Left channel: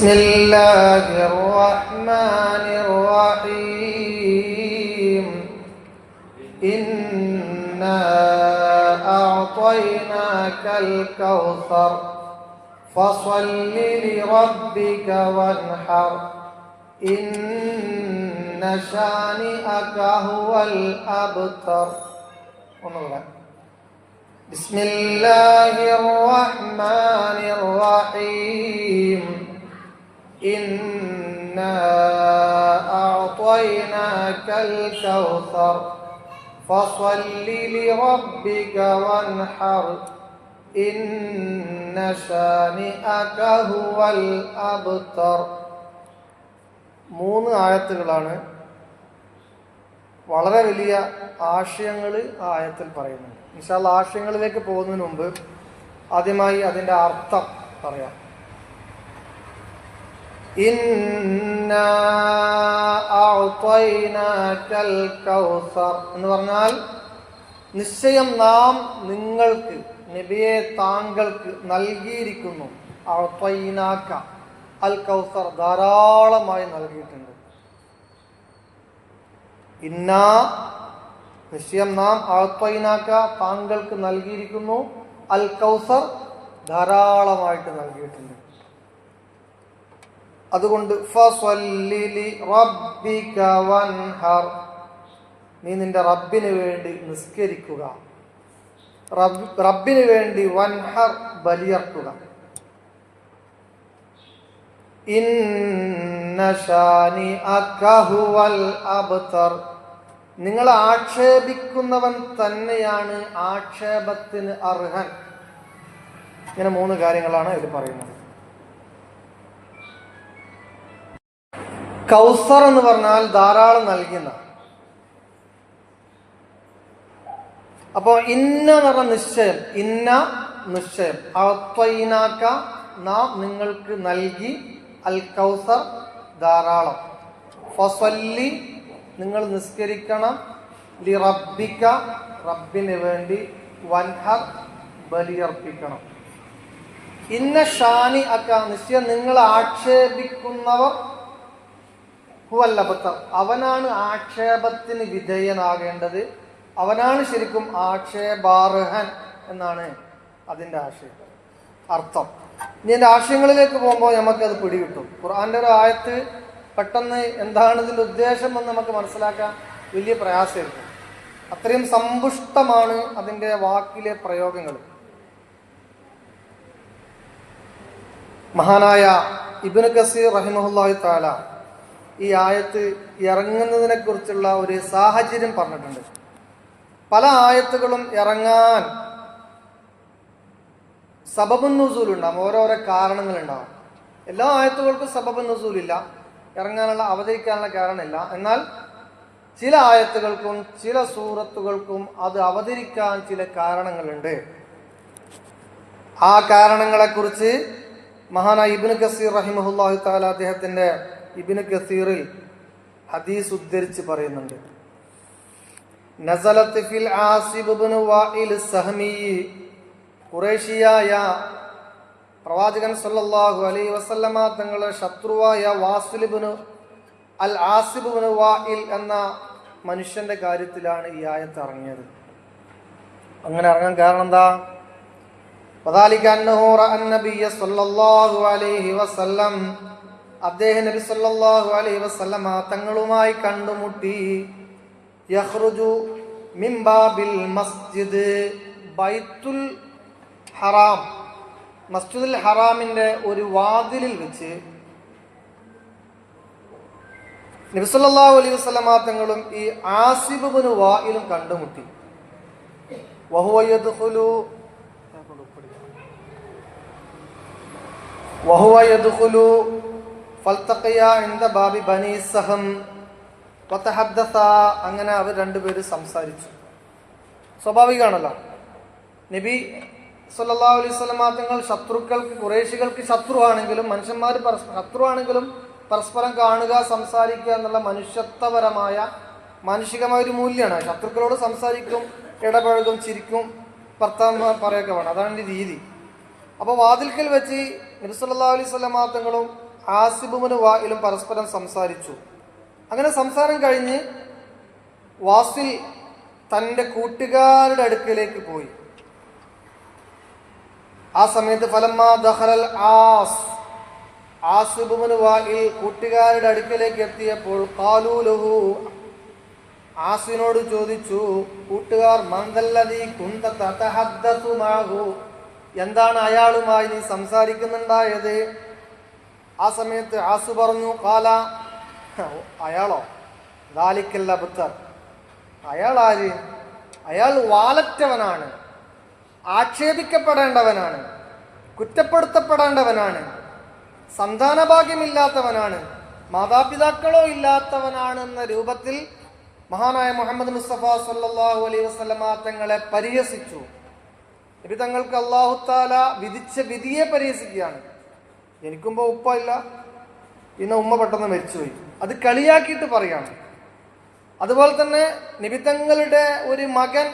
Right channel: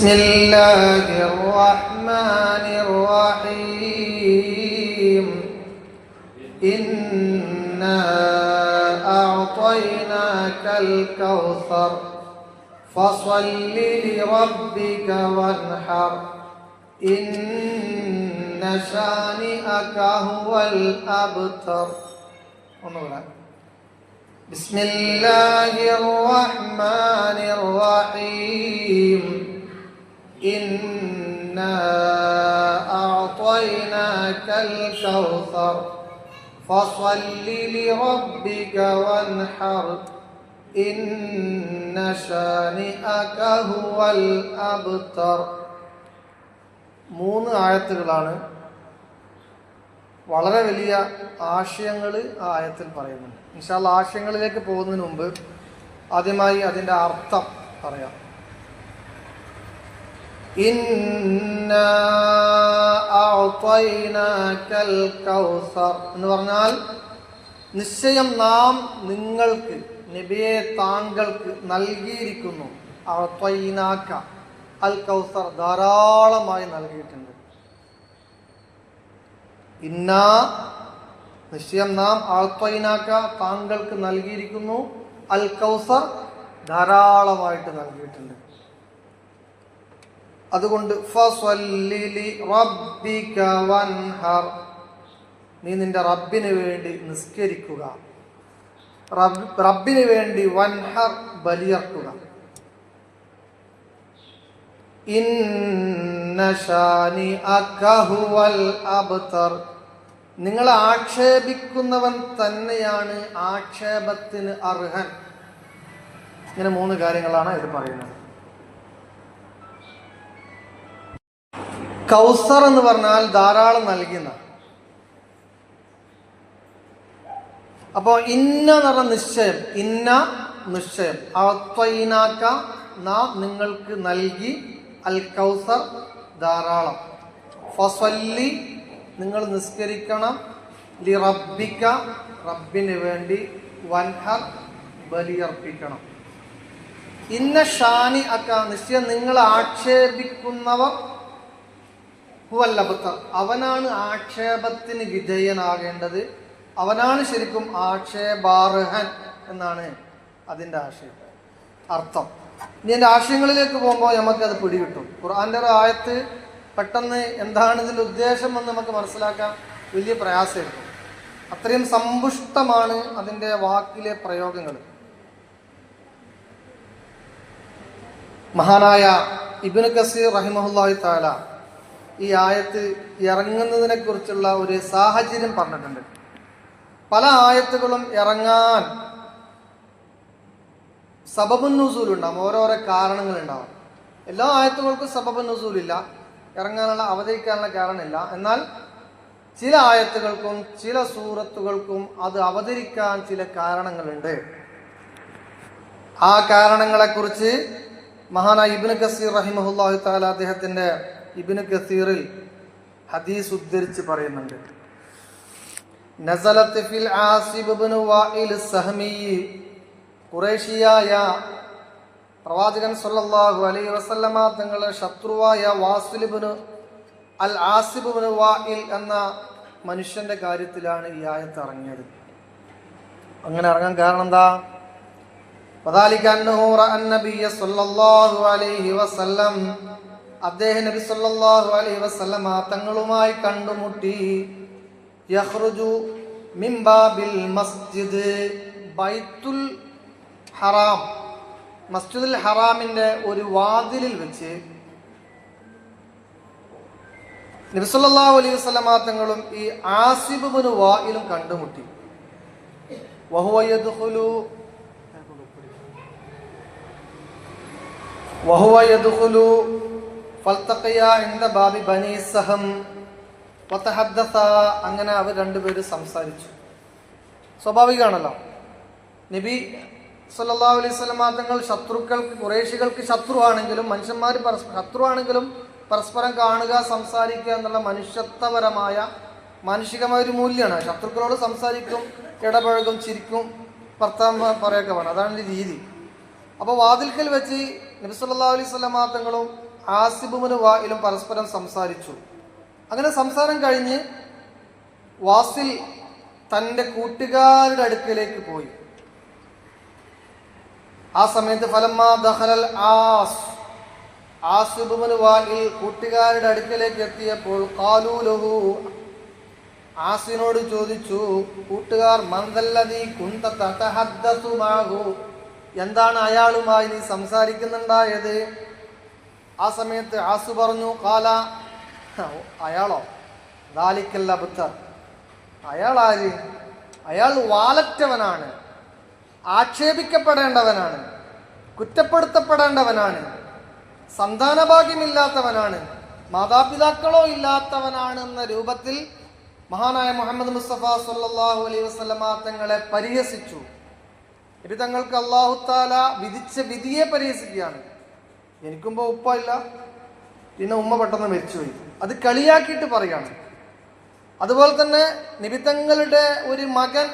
بسم الله الرحمن الرحيم إنا أعطيناك الكوثر فصل لربك وانحر إن شانئك هو الأبتر. بسم الله الرحمن الرحيم إنا أعطيناك الكوثر فصل لربك وانحر إن شانئك هو الأبتر. 3 ആയത്തുകളാണ്. വളരെ വലിയ ആശയങ്ങൾ ആ ആയത്തിൽ പറയുന്നുണ്ട്. ഇൻഷാ അല്ലാഹ് ആശയങ്ങളിലേക്ക് പോകുന്നതിന് മുമ്പ് ആദ്യമായി അതിൻ്റെ അർത്ഥം പറയാം. ഇന്നാ അഅ്തൈനാകൽ കൗസർ എന്ന് പറഞ്ഞാൽ നിശ്ചയം നാം നിങ്ങൾക്ക്, നബിയെ താങ്കൾക്ക് നൽകിയിരിക്കുന്നു. അഅ്തൈനാക അൽ കൗസർ, ധാരാളമായി നൽകിയിട്ടുണ്ട്. ഇന്നാ നിശ്ചയം നാം അഅ്തൈനാക താങ്കൾക്ക് നൽകിയിരിക്കുന്നു. അൽ കൗസർ ധാരാളമായിട്ട് നൽകിയിട്ടുണ്ട്. അതുകൊണ്ട് ഫസ്വല്ലി ലിറബ്ബിക വൻഹർ, നീ നിന്റെ റബ്ബിന് വേണ്ടി നിസ്കരിക്കുക. റബ്ബിന് വേണ്ടി വൻഹർ, ബലിയർക്കുക. ഇന്ന ശാനിഅക ഹുവൽ അബ്തർ, നിങ്ങളെ ആക്ഷേപിക്കുന്നവൻ തന്നെയാണ് ആക്ഷേപത്തിന് അർഹൻ. ഇങ്ങനെ 3 കാര്യങ്ങളാണ് ഇത് പറയുന്നത്. കൗസർ എന്ന് പറഞ്ഞാൽ ധാരാളം നൽകുന്ന. അപ്പോ ഇന്ന എന്ന് പറഞ്ഞ നിശ്ചയം, ഇന്ന നിശ്ചയം, അഅ്തൈനാക നാം നിങ്ങൾക്ക് നൽകി, അൽ കൗസർ ധാരാളം, ഫസ്വല്ലി നിങ്ങൾ നിസ്കരിക്കണം, ലിറബ്ബിക റബ്ബിന് വേണ്ടി, വൻഹർ ബലിയർപ്പിക്കണം. ഇന്ന ഷാനിഅക നിശ്ചയം നിങ്ങൾ ആക്ഷേപിക്കുന്നവർ, ഹുവൽ അബ്തർ അവനാണ് ആക്ഷേപത്തിന് വിധേയനാകേണ്ടത്, അവനാണ് ശരിക്കും ആക്ഷേപാർഹൻ എന്നാണ് അതിൻ്റെ ആശയം, അർത്ഥം. ഇനി എൻ്റെ ആശയങ്ങളിലേക്ക് പോകുമ്പോൾ നമുക്കത് പിടികിട്ടും. ഖുർആൻ്റെ ഒരു ആയത്ത് പെട്ടെന്ന് എന്താണ് ഇതിൻ്റെ ഉദ്ദേശം എന്ന് നമുക്ക് മനസ്സിലാക്കാൻ വലിയ പ്രയാസമായിരിക്കും. അത്രയും സമ്പുഷ്ടമാണ് അതിൻ്റെ വാക്കിലെ പ്രയോഗങ്ങൾ. മഹാനായ ഇബ്നു കസീർ റഹിമഹുല്ലാഹി തആല ഈ ആയത്ത് ഇറങ്ങുന്നതിനെ കുറിച്ചുള്ള ഒരു സാഹചര്യം പറഞ്ഞിട്ടുണ്ട്. പല ആയത്തുകളും ഇറങ്ങാൻ സബബുൻ നുസൂൽ ഉണ്ടാവും, ഓരോരോ കാരണങ്ങളുണ്ടാവും. എല്ലാ ആയത്തുകൾക്കും സബബുൻ നുസൂലില്ല, ഇറങ്ങാനുള്ള അവതരിക്കാനുള്ള കാരണമില്ല. എന്നാൽ ചില ആയത്തുകൾക്കും ചില സൂറത്തുകൾക്കും അത് അവതരിക്കാൻ ചില കാരണങ്ങളുണ്ട്. ആ കാരണങ്ങളെക്കുറിച്ച് മഹാനായ ഇബ്നു കസീർ റഹിമഹുല്ലാഹി തആല അദ്ദേഹത്തിന്റെ ഇബ്നു കസീറിൽ ഹദീസ് ഉദ്ധരിച്ച് പറയുന്നുണ്ട്. നസലത്ത് ഫിൽ ആസിബ് ഇബ്നു വാഇൽ സഹമി, ഖുറൈശിയായ പ്രവാചകൻ സല്ലല്ലാഹു അലൈഹി വസല്ലമ തങ്ങളുടെ ശത്രുവായ വാസിൽ ഇബ്നു അൽ ആസിബ് ഇബ്നു വാഇൽ എന്ന മനുഷ്യന്റെ കാര്യത്തിലാണ് ഈ ആയത്ത് ഇറങ്ങിയത്. അങ്ങനെ ഇറങ്ങാൻ കാരണം എന്താ? വദാലിക അന്നഹു റഅ നബിയ സല്ലല്ലാഹു അലൈഹി വസല്ലം, അദ്ദേഹം നബി സല്ലല്ലാഹു അലൈഹി വസല്ലമ തങ്ങളുമായി കണ്ടുമുട്ടി. യഖ്റുജു മിൻ ബാബിൽ മസ്ജിദ്, ബൈത്തുൽ ഹറാം, മസ്ജിദുൽ ഹറാമിന്റെ ഒരു വാതിലിൽ വെച്ച് നബി സല്ലല്ലാഹു അലൈഹി വസല്ലമ തങ്ങളും ഈ ആസിബ് ഇബ്നു വാഇലും കണ്ടുമുട്ടി. വഹുവ യദ്ഖുലു ഫൽതഖിയ ഇൻദ ബാബി ബനി സഹം വതഹദ്ദസ, അങ്ങനെ അവർ രണ്ടുപേരും സംസാരിച്ചു. സ്വാഭാവികമാണല്ലോ, നബി സല്ലല്ലാഹു അലൈഹി വസല്ലമ തങ്ങൾ ശത്രുക്കൾക്ക്, ഖുറൈശികൾക്ക് ശത്രുവാണെങ്കിലും, മനുഷ്യന്മാർ ശത്രുവാണെങ്കിലും പരസ്പരം കാണുക, സംസാരിക്കുക എന്നുള്ള മനുഷ്യത്വപരമായ മാനുഷികമായ ഒരു മൂല്യമാണ്. ശത്രുക്കളോട് സംസാരിക്കും, ഇടപഴകും, ചിരിക്കും, ഭർത്താവ് പറയൊക്കെ വേണം, അതാണ് രീതി. അപ്പോൾ വാതിൽക്കൽ വെച്ച് നബി സല്ലല്ലാഹു അലൈഹി വസല്ലമ തങ്ങളും ആസിബുബിന് വായിലും പരസ്പരം സംസാരിച്ചു. അങ്ങനെ സംസാരം കഴിഞ്ഞ് വാസിൽ തൻ്റെ കൂട്ടുകാരുടെ അടുക്കലേക്ക് പോയി. ആ സമയത്ത് ഫലമ്മാ ദഖലൽ ആസിബുബിന് വായിൽ കൂട്ടുകാരുടെ അടുക്കലേക്ക് എത്തിയപ്പോൾ ഖാലൂ ലഹു, ആസിനോട് ചോദിച്ചു കൂട്ടുകാർ, മൻദല്ലദീ കുന്ത തതഹദ്ദസു മഅഹു, എന്താണ് അയാളുമായി നീ സംസാരിക്കുന്നുണ്ടായത്? ആ സമയത്ത് ആസു പറഞ്ഞു, ഖാല, അയാളോ, ദാലിക്കൽ അബ്തർ, അയാൾ ആര്? അയാൾ വാലറ്റവനാണ്, ആക്ഷേപിക്കപ്പെടേണ്ടവനാണ്, കുറ്റപ്പെടുത്തപ്പെടേണ്ടവനാണ്, സന്താനഭാഗ്യമില്ലാത്തവനാണ്, മാതാപിതാക്കളോ ഇല്ലാത്തവനാണ് എന്ന രൂപത്തിൽ മഹാനായ മുഹമ്മദ് മുസ്തഫ സല്ലല്ലാഹു അലൈഹി വസല്ലമ തങ്ങളെ പരിഹസിച്ചു. നബി തങ്ങൾക്ക് അല്ലാഹു തആല വിധിച്ച വിധിയെ പരിഹസിക്കുകയാണ്. എനിക്കുമ്പോ ഉപ്പ ഇല്ല, പിന്നെ ഉമ്മ പെട്ടെന്ന് മരിച്ചുപോയി, അത് കളിയാക്കിയിട്ട് പറയാണ്. അതുപോലെ തന്നെ നബി തങ്ങളുടെ ഒരു മകൻ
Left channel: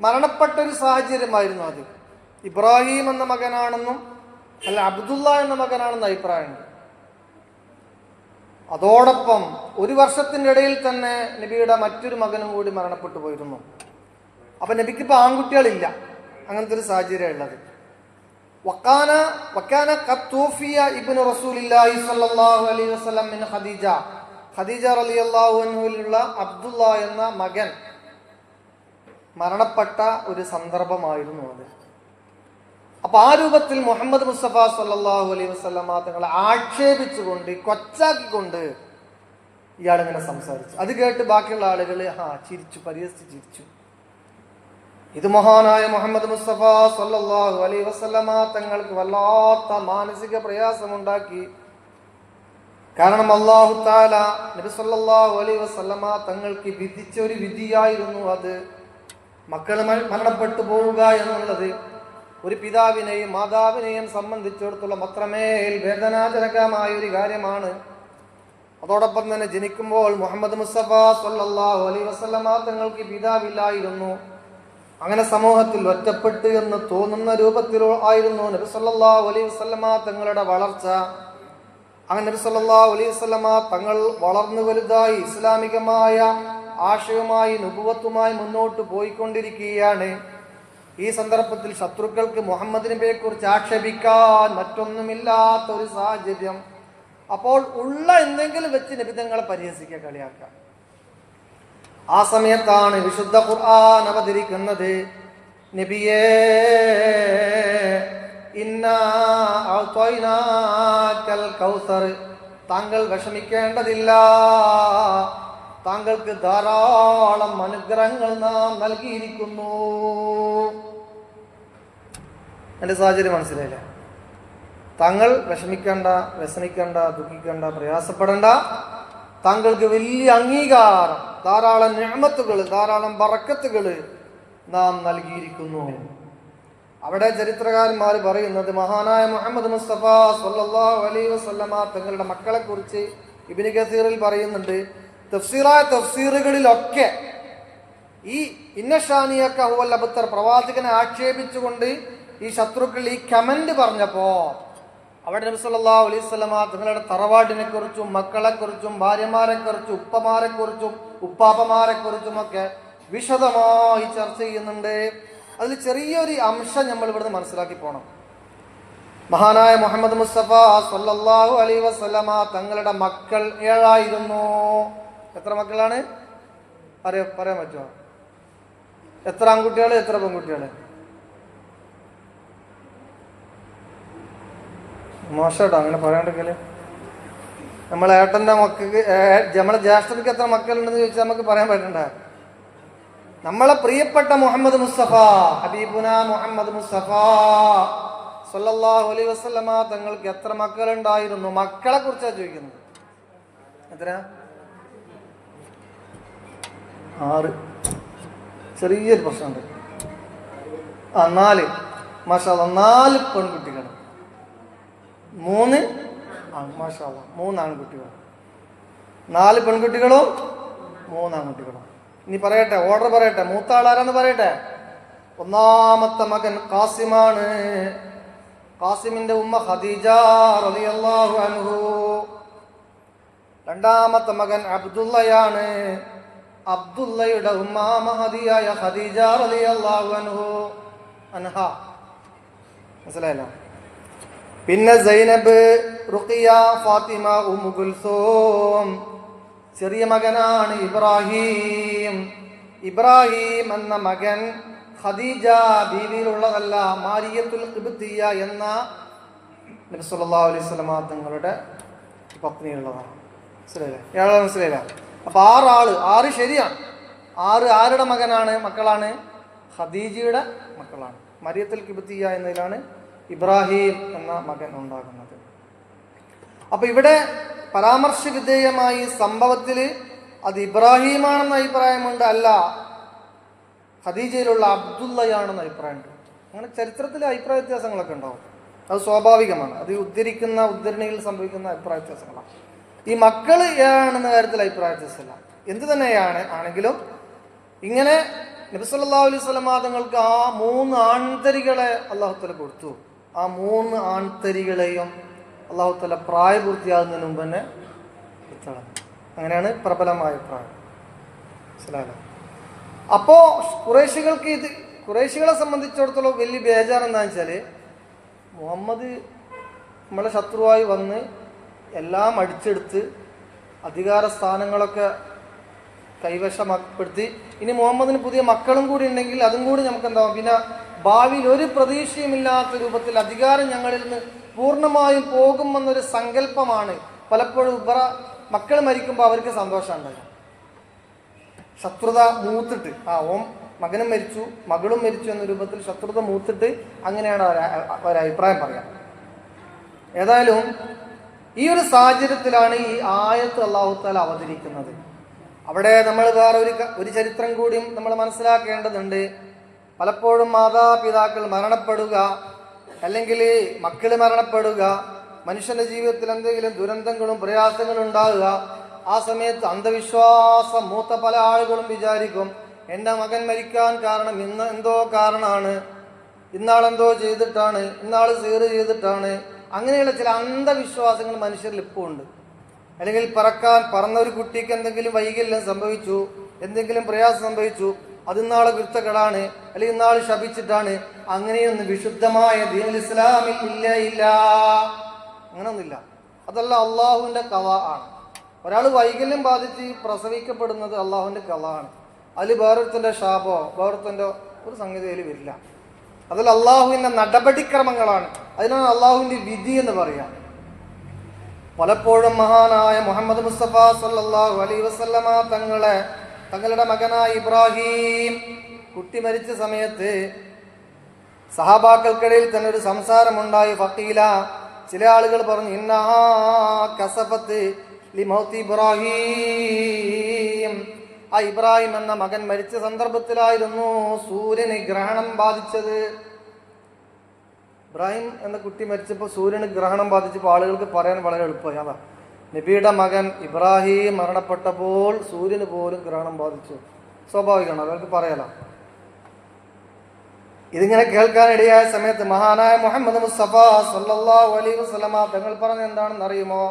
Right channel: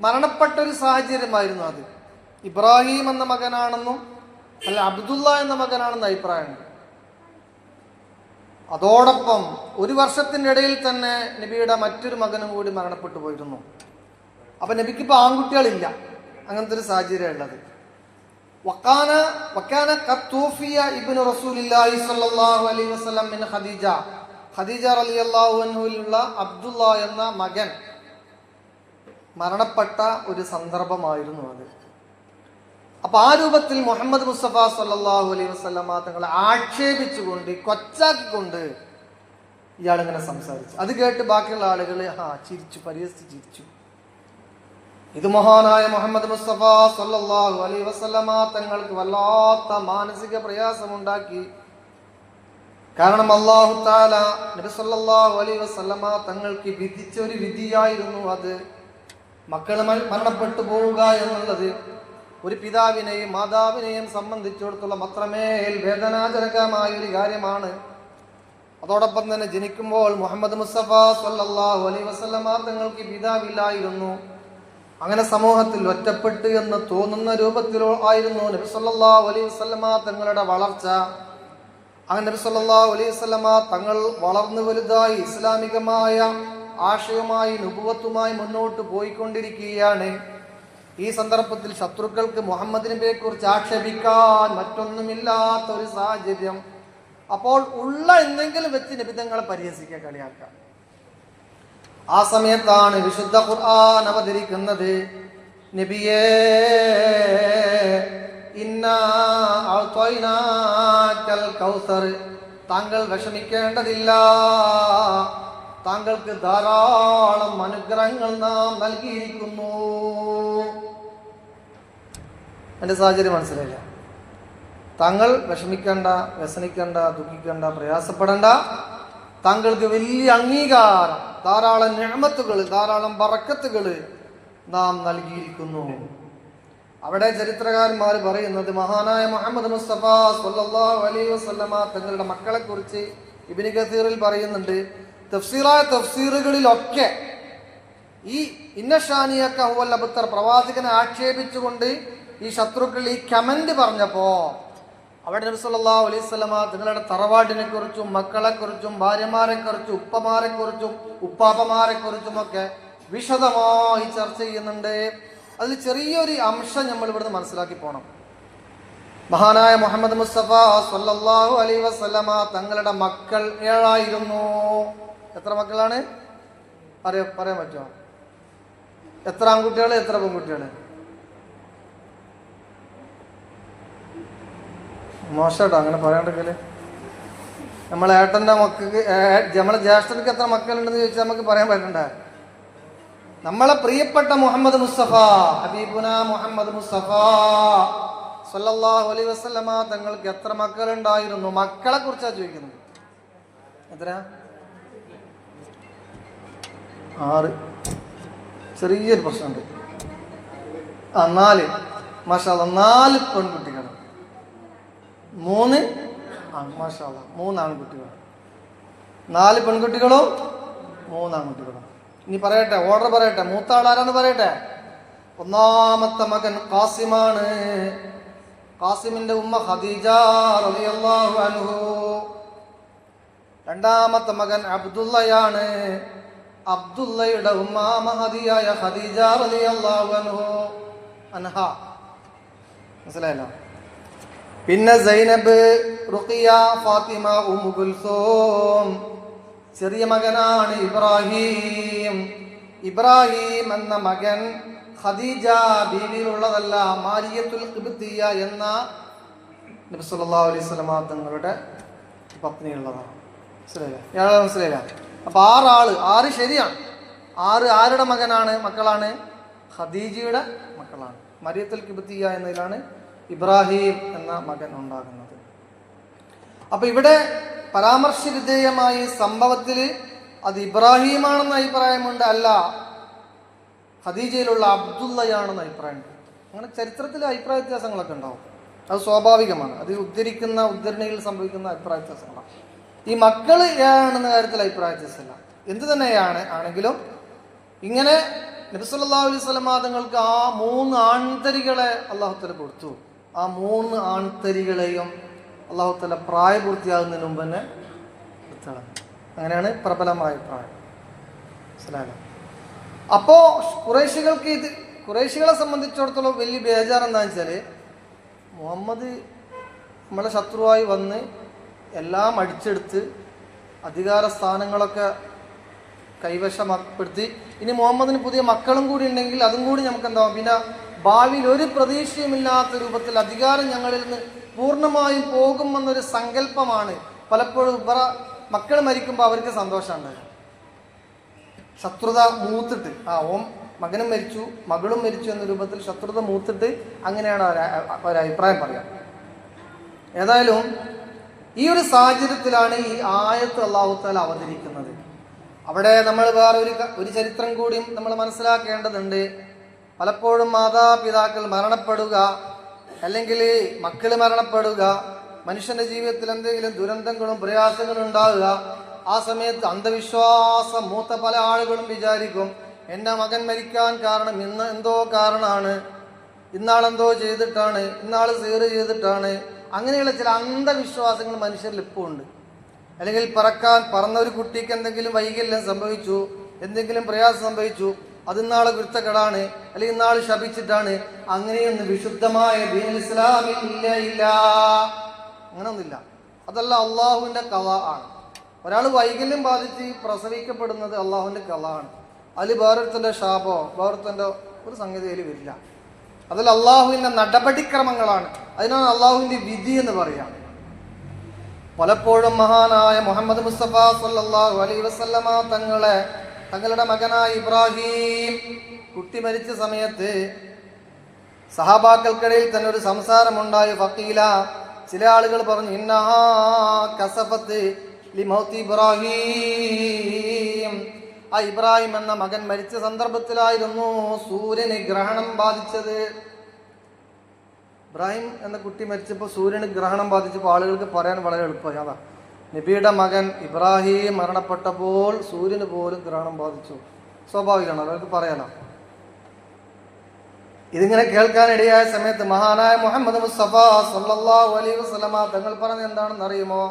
മരണപ്പെട്ട ഒരു സാഹചര്യമായിരുന്നു അത്. ഇബ്രാഹിം എന്ന മകനാണെന്നും അല്ല അബ്ദുള്ള എന്ന മകനാണെന്ന് അഭിപ്രായമുണ്ട്. അതോടൊപ്പം ഒരു വർഷത്തിൻ്റെ ഇടയിൽ തന്നെ നബിയുടെ മറ്റൊരു മകനും കൂടി മരണപ്പെട്ടു പോയിരുന്നു. അപ്പൊ നബിക്കിപ്പോൾ ആൺകുട്ടികളില്ല, അങ്ങനത്തെ ഒരു സാഹചര്യം ഉള്ളത്. വക്കാന ഖദ് തൂഫിയ ഇബ്നു റസൂലില്ലാഹി സ്വല്ലല്ലാഹു അലൈഹി വസല്ലം മിൻ ഖദീജ റളിയല്ലാഹു അൻഹയിലുള്ള അബ്ദുള്ള എന്ന മകൻ മരണപ്പെട്ട ഒരു സന്ദർഭമായിരുന്നു അത്. അപ്പൊ ആ രൂപത്തിൽ മുഹമ്മദ് മുസ്തഫ സല്ലല്ലാഹു അലൈഹി വസല്ലമ തങ്ങളെ ആക്ഷേപിച്ചുകൊണ്ട് കൊച്ചാക്കിക്കൊണ്ട് ഇയാളിങ്ങനെ സംസാരിച്ചു. അത് കേട്ട് ബാക്കിയുള്ള ആളുകൾ ചിരിച്ചു, പരിഹസിച്ച് ചിരിച്ചു. ഇത് മഹാനായ മുഹമ്മദ് മുസ്തഫ സല്ലല്ലാഹു അലൈഹി വസല്ലമ തങ്ങൾക്ക് വല്ലാത്ത മാനസിക പ്രയാസമുണ്ടാക്കി. കാരണം അല്ലാഹു തആല നബി സല്ലല്ലാഹു അലൈഹി വസല്ലമ തങ്ങൾക്ക് വിധിച്ച ഒരു വിധിയായിരുന്നു അത്. മക്കൾ മരണപ്പെട്ടു പോവുക എന്നുള്ളത് ഒരു പിതാവിനെയും മാതാവിനെയും സംബന്ധിച്ചിടത്തോളം അത്രമേൽ വേദനാജനകമായ ഒരു കാര്യമാണ്. അതോടൊപ്പം തന്നെ ജനിക്കുമ്പോൾ മുഹമ്മദ് മുസ്തഫ സല്ലല്ലാഹു അലൈഹി വസല്ലമ തങ്ങൾക്ക് പിതാവില്ലായിരുന്നു. അങ്ങനെ സമൂഹത്തിൽ ഒറ്റപ്പെട്ടു എന്ന് തോന്നുന്ന രൂപത്തിൽ ആയിരുന്നു നബി സല്ലല്ലാഹു അലൈഹി വസല്ലമ തങ്ങളുടെ വളർച്ച. അങ്ങനെ നബി സല്ലല്ലാഹു അലൈഹി വസല്ലമ തങ്ങൾ വളർന്നു വലുതായി ഇസ്ലാമികമായ ആശയവുമായി നുബുവത്തുമായി മുന്നോട്ട് പോയിക്കൊണ്ടിരിക്കുകയാണ്. ഈ സന്ദർഭത്തിൽ ശത്രുക്കൾക്ക് മുഹമ്മദ് നബിയെ കുറിച്ച് ആക്ഷേപിക്കാൻ മറ്റൊന്നുമില്ലാത്ത ഒരു സാഹചര്യം. അപ്പോൾ ഉള്ള എന്തെങ്കിലും വെച്ച് നബി തങ്ങളെ പരിഹസിക്കുക, കളിയാക്കുക. ആ സമയത്താണ് വിശുദ്ധ ഖുർആൻ അവതരിക്കുന്നത്. നബിയേ, ഇന്നാ അഅ്തൈനാകൽ കൗസർ, താങ്കൾ വിഷമിക്കേണ്ടതില്ല, താങ്കൾക്ക് ധാരാളം അനുഗ്രഹങ്ങൾ നാം നൽകിയിരിക്കുന്നു. എൻ്റെ സാഹചര്യം മനസ്സിലായില്ല. താങ്കൾ വിഷമിക്കണ്ട, വ്യസനിക്കണ്ട, ദുഃഖിക്കണ്ട, പ്രയാസപ്പെടണ്ട. താങ്കൾക്ക് വലിയ അംഗീകാരം, ധാരാളം നിഅമത്തുകൾ, ധാരാളം ബറക്കത്തുകൾ നാം നൽകിയിരിക്കുന്നു. അവിടെ ചരിത്രകാരന്മാർ പറയുന്നത് മഹാനായ മുഹമ്മദ് മുസ്തഫ സല്ലല്ലാഹു അലൈഹി വസല്ലമ തങ്ങളുടെ മക്കളെ കുറിച്ച് ഇബ്നു കസീറിൽ പറയുന്നുണ്ട്. തഫ്സീറുകളിലൊക്കെ ഈ ഇന്നശാനിയക ഹുവൽ അബ്തർ പ്രവാചകനെ ആക്ഷേപിച്ചുകൊണ്ട് ഈ ശത്രുക്കൾ ഈ കമന്റ് പറഞ്ഞപ്പോ അവിടെ നബി സല്ലല്ലാഹു അലൈഹി വസല്ലമ തങ്ങളുടെ തറവാടിനെ കുറിച്ചും മക്കളെ കുറിച്ചും ഭാര്യമാരെ കുറിച്ചും ഉപ്പമാരെ കുറിച്ചും ഉപ്പാപ്പമാരെ കുറിച്ചും ഒക്കെ വിശദമായി ചർച്ച ചെയ്യുന്നുണ്ട്. അതിൽ ചെറിയൊരു അംശം നമ്മൾ ഇവിടുന്ന് മനസ്സിലാക്കി പോകണം. മഹാനായ മുഹമ്മദ് മുസ്തഫ സല്ലല്ലാഹു അലൈഹി വസല്ലമ തങ്ങളുടെ മക്കൾ 7 എത്ര മക്കളാണ് പറയാൻ പറ്റുമോ? എത്ര ആൺകുട്ടികൾ, എത്ര പെൺകുട്ടികൾ? മോശട്ടോ അങ്ങനെ പറയാണ്ടെങ്കില്. നമ്മളെ ഏട്ടന്റെ മക്കൾക്ക്, നമ്മളെ ജ്യേഷ്ഠർക്ക് എത്ര മക്കളുണ്ടെന്ന് ചോദിച്ചാൽ നമുക്ക് പറയാൻ പറ്റണ്ടേ? നമ്മളെ പ്രിയപ്പെട്ട മുഹമ്മദ് മുസ്തഫ, ഹബീബുന മുഹമ്മദ് മുസ്തഫ സല്ലല്ലാഹു അലൈഹി വസല്ലമ തങ്ങൾക്ക് എത്ര മക്കളുണ്ടായിരുന്നു? മക്കളെ കുറിച്ചാണ് ചോദിക്കുന്നത്. എത്ര? 6. ചെറിയൊരു പ്രശ്നമുണ്ട്. 4. മാഷാഅല്ലാഹ് 4 പെൺകുട്ടികൾ, 3 മാഷാഅല്ലാഹ് 3 ആൺകുട്ടികൾ. 4 പെൺകുട്ടികളും 3 ആൺകുട്ടികളും. ഇനി പറയട്ടെ, ഓർഡർ പറയട്ടെ. മൂത്ത ആളാരാന്ന് പറയട്ടെ. ഒന്നാമത്തെ മകൻ ഖാസിമാണ്. ഖാസിമിന്റെ ഉമ്മ ഖദീജ റളിയല്ലാഹു അൻഹു. രണ്ടാമത്തെ മകൻ അബ്ദുള്ളയാണ്. അബ്ദുള്ളയുടെ ഉമ്മ മഹദിയായ ഖദീജ റളിയല്ലാഹു അൻഹ. മനസ്സിലായല്ലോ. പിന്നെ സൈനബ്, റുഖിയ, ഫാത്തിമ, ഉമ്മു കുൽസൂം. ചെറിയ മകനാണ് ഇബ്രാഹിം. ഇബ്രാഹിം എന്ന മകൻ ഖദീജ ബീവിയിലുള്ളതല്ല, മാരിയത്തുൽ ഖിബ്തിയ എന്ന നബി സല്ലല്ലാഹു അലൈഹി വസല്ലം തങ്ങളുടെ പത്നിയുള്ളതാണ്. മനസ്സിലായില്ലേ? ഇയാളെ മനസ്സിലായില്ല? അപ്പൊ 6 ശരിയാണ്. 6 ആരുടെ മക്കളാണ്? ഖദീജയുടെ മക്കളാണ്. മരിയത്തുൽ ഖിബ്തിയ എന്നതിലാണ് ഇബ്രാഹിം എന്ന മകൻ ഉണ്ടാകുന്നത്. അപ്പൊ ഇവിടെ പരാമർശ വിധേയമായി സംഭവത്തില് അത് ഇബ്രാഹിമാണെന്ന അഭിപ്രായമുണ്ട്, അല്ല ഖദീജയിലുള്ള അബ്ദുള്ളയാണെന്ന അഭിപ്രായമുണ്ട്. അങ്ങനെ ചരിത്രത്തിലെ അഭിപ്രായ വ്യത്യാസങ്ങളൊക്കെ ഉണ്ടാവും. അത് സ്വാഭാവികമാണ്. അത് ഉദ്ധരിക്കുന്ന ഉദ്ധരണിയിൽ സംഭവിക്കുന്ന അഭിപ്രായ വ്യത്യാസങ്ങളാണ്. ഈ മക്കള് ആണെന്ന കാര്യത്തിൽ അഭിപ്രായ വ്യത്യാസമില്ല. എന്ത് ആണെങ്കിലും ഇങ്ങനെ നബി സല്ലല്ലാഹു അലൈഹി വസല്ലം തങ്ങൾക്ക് ആ 3 ആൺതരികളെ അല്ലാഹു തആല കൊടുത്തു. ആ 3 ആൺതരികളെയും അല്ലാഹു തആല പ്രായപൂർത്തിയാകുന്നതിന് മുമ്പ് തന്നെ വിട്ടളഞ്ഞു. അങ്ങനെയാണ് പ്രബലമായ പ്രായം. മനസ്സിലായല്ലോ? അപ്പോ ഖുറൈശികളെ സംബന്ധിച്ചിടത്തോളം വലിയ ബേജാർ എന്താണെന്ന് വെച്ചാല്, മുഹമ്മദ് നമ്മളെ ശത്രുവായി വന്ന് എല്ലാം അടിച്ചെടുത്ത് അധികാര സ്ഥാനങ്ങളൊക്കെ കൈവശപ്പെടുത്തി, ഇനി മുഹമ്മദിന് പുതിയ മക്കളും കൂടി ഉണ്ടെങ്കിൽ അതും കൂടി നമുക്ക് എന്താവും, പിന്നെ ഭാവിയിൽ ഒരു പ്രതീക്ഷയുമില്ലാത്ത രൂപത്തിൽ അധികാരം ഞങ്ങളിൽ നിന്ന് പൂർണ്ണമായും പോകുമെന്നൊരു സങ്കല്പമാണ് പലപ്പോഴും മക്കൾ മരിക്കുമ്പോൾ അവർക്ക് സന്തോഷം ഉണ്ടാകും. ശത്രുത മൂത്തിട്ട് മകനും മരിച്ചു മകളും മരിച്ചു എന്ന രൂപത്തിൽ ശത്രുത മൂത്തിട്ട് അങ്ങനെയാണ് ഒരഭിപ്രായം പറയാം. ഏതായാലും ഈ ഒരു സാഹചര്യത്തിലാണ് ഈ ആയത്ത് അല്ലാഹു തആല അവതരിക്കുന്നത്. അവിടെ നമ്മൾ വേറെ ഒരു ചരിത്രം കൂടിയും നമ്മൾ മനസ്സിലാക്കേണ്ടതുണ്ട്. പലപ്പോഴും മാതാപിതാക്കൾ മരണപ്പെടുക, അല്ലെങ്കിൽ മക്കൾ മരണപ്പെടുക, മനുഷ്യന്റെ ജീവിതത്തിൽ എന്തെങ്കിലും ദുരന്തങ്ങളും പ്രയാസങ്ങളും ഉണ്ടാകുക. ആ സമയത്ത് അന്ധവിശ്വാസം മൂത്ത പല ആളുകളും വിചാരിക്കും, എൻ്റെ മകൻ മരിക്കാൻ കാരണം ഇന്ന് എന്തോ കാരണമാണ്, ഇന്നാളെന്തോ ചെയ്തിട്ടാണ്, ഇന്നാള് സീറ് ചെയ്തിട്ടാണ്. അങ്ങനെയുള്ള ചില അന്ധവിശ്വാസങ്ങൾ മനുഷ്യരിൽ ഇപ്പോൾ ഉണ്ട്. അല്ലെങ്കിൽ പറന്ന ഒരു കുട്ടിക്ക് എന്തെങ്കിലും വൈകല്യം സംഭവിച്ചു, എന്തെങ്കിലും പ്രയാസം സംഭവിച്ചു, അത് ഇന്നാളെ കുരുത്തക്കേടാണ്, അല്ലെങ്കിൽ ഇന്നാള് ശപിച്ചിട്ടാണ്. അങ്ങനെയൊന്നും വിശുദ്ധമായ ദീനുൽ ഇസ്ലാമിൽ ഇല്ല. അങ്ങനെയൊന്നുമില്ല. അതല്ല, അള്ളാഹുവിന്റെ ഖളാ ആണ്. ഒരാൾ വൈകല്യം ബാധിച്ച് പ്രസവിക്കപ്പെടുന്നത് അള്ളാഹുവിന്റെ ഖളാ ആണ്. അതിൽ വേറൊരുത്തന്റെ ശാപോ വേറൊരുത്തന്റെ ഒരു സംഗതി അതിൽ വരില്ല. അതിൽ അള്ളാഹുവിന്റെ നടപടിക്രമങ്ങളാണ്. അതിനാണ് അള്ളാഹുവിന്റെ വിധി എന്ന് പറയാം. പലപ്പോഴും മഹാനായ മുഹമ്മദ് മുസ്തഫ സല്ലല്ലാഹു അലൈഹി വസല്ലമ തങ്ങളുടെ മകനായ ഇബ്രാഹിം കുട്ടി മരിച്ച സമയത്ത് സഹാബാക്കൾക്കിടയിൽ തന്നെ ഒരു സംസാരമുണ്ടായി. ഫഖീല, ചില ആളുകൾ പറഞ്ഞു, ഇന്നഹാ കസഫത്ത് ലിമൗതി ഇബ്രാഹിം. ആ ഇബ്രാഹിം എന്ന മകൻ മരിച്ച സന്ദർഭത്തിലായിരുന്നു സൂര്യന് ഗ്രഹണം ബാധിച്ചത്. ഇബ്രാഹിം എന്ന കുട്ടി മരിച്ചപ്പോൾ സൂര്യന് ഗ്രഹണം ബാധിച്ചപ്പോൾ ആളുകൾക്ക് പറയാൻ വളരെ എളുപ്പമായി. അതാ, നബിയുടെ മകൻ ഇബ്രാഹിം മരണപ്പെട്ടപ്പോൾ സൂര്യന് പോലും ഗ്രഹണം ബാധിച്ചു. സ്വാഭാവികമാണ്, അവർക്ക് പറയാലോ. ഇതിങ്ങനെ കേൾക്കാനിടയായ സമയത്ത് മഹാനായ മുഹമ്മദ് മുസ്തഫ സല്ലല്ലാഹു അലൈഹി വസല്ലമ തങ്ങൾ പറഞ്ഞ എന്താണെന്ന് അറിയുമോ?